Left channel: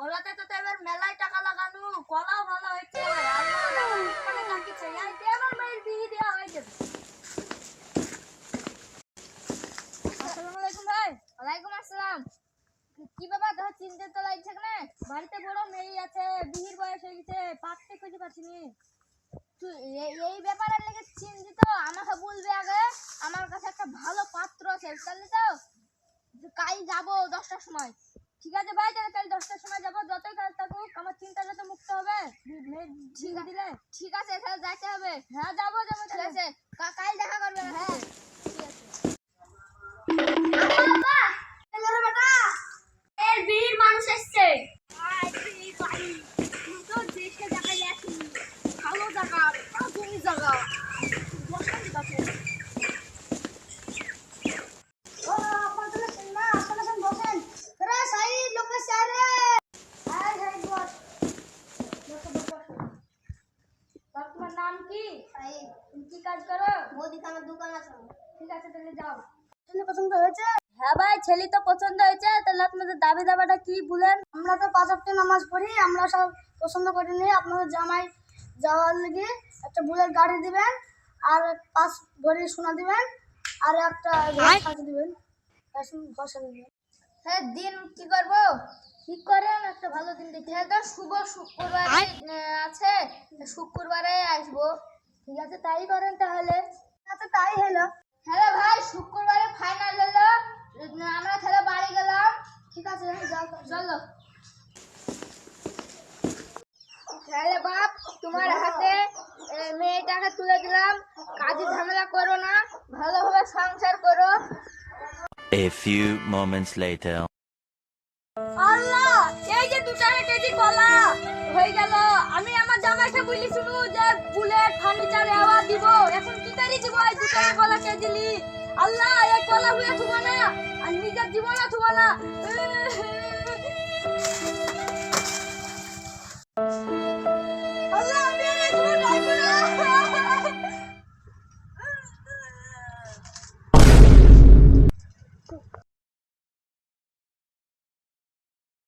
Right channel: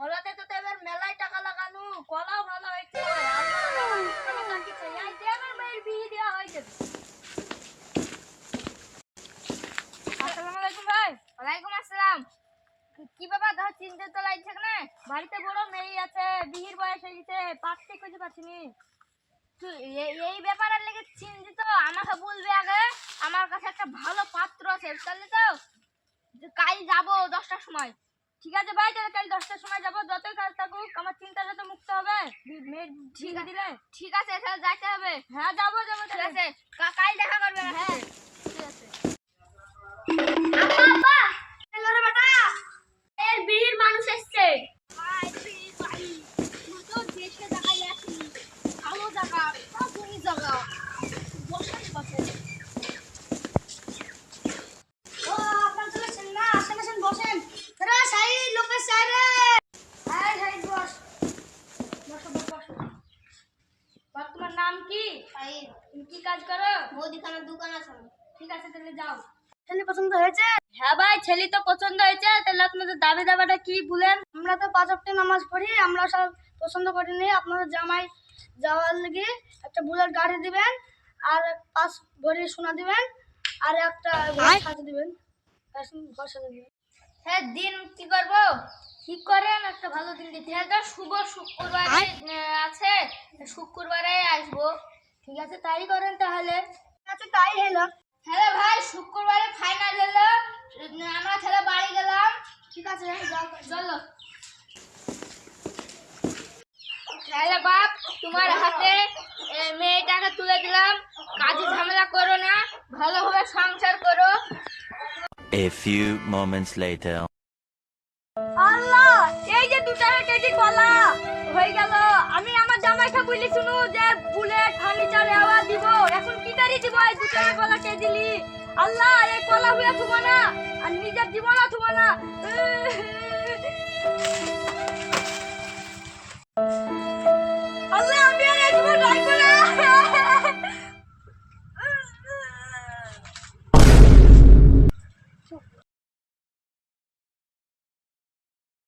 কলাতে তো এবার মেলায় টাকা লাগানো কলাও ভালো হয়েছে। হয়ে কি- ব্যাপার ধর চিনতে তো লাগছে না বাড়িতে বড় মেয়ে আছে, বিয়ের বয়স হয়ে গেছে পাকতে খুঁজে পাচ্ছি নি এই ব্যাপারের লেগে চিন্তিত, আমাকে বলবে আগে। আমার কাছে একটা ভালো পাত্র আছে তাহলে তো? কাল যাব দশটার সময়। ঠিক আছে ভাই তাহলে কাল দশটার সময় যাব। যতই কাজ থাকুক আমার চিন্তাটা তো মুক্ত হবে। মেয়ের ঠিক দিলে? ঠিক আছে তাহলে যাইতে হবে। হ্যাঁ যাব যাব ঠিক আছে। কি? কি কাজ করো? মুদিখানার দোকান আছে। ঠিক আছে তাহলে যাও। ছেলে পছন্দ হয়েছে? হ্যাঁ ভাই ছেলে তো পছন্দ হয়েছে। তাহলে আপনাদের দাবি দাবাটা কি বলেন? আমরা তো পাঁচ অক্টি নামাজ পড়ি আমরা সব পছন্দ করিনি আপনাদের জামাই যাওয়ার লেগে একটা বুলেট গাড়ি দিবেন আর পাঁচ ভরি সোনা দিবেন আর একটা ঘর সাজিয়ে দিবেন। ঘর সাজিয়ে দিবেন। হ্যাঁ দিন কি করব? ঠিক করেন? একটা ভালো দিন দেখে এটা তো শুভ শুক্রবার আছে। শুক্রবারে ঠিক আছে তাই করেন তাহলে। আচ্ছা তাই হলো। হ্যালো ভাই শুক্রবারে ফাইনাল হলো। আমরা ছেলে বাড়ি গেলাম। ঠিক আছে চলো। হ্যালো বাপ তোমার হাতে মেয়েটাকে তুলে দিলাম। কাজে ঝামেলা করো না ভালোভাবে সংসার করো। A few moments later. আল্লাহ এই যে দু টাকা কেজি কলা হয়ে গেল। জামাইকে বলি শুনু যে বুলেট ফার্নিচার এওয়া দিব। এখন কি করি দিব? এই দুটো টাকা কলা কেজি লি আল্লাহ, এই কলা হয়ে থুবা না। আর নিজের জীবনও থুবা না।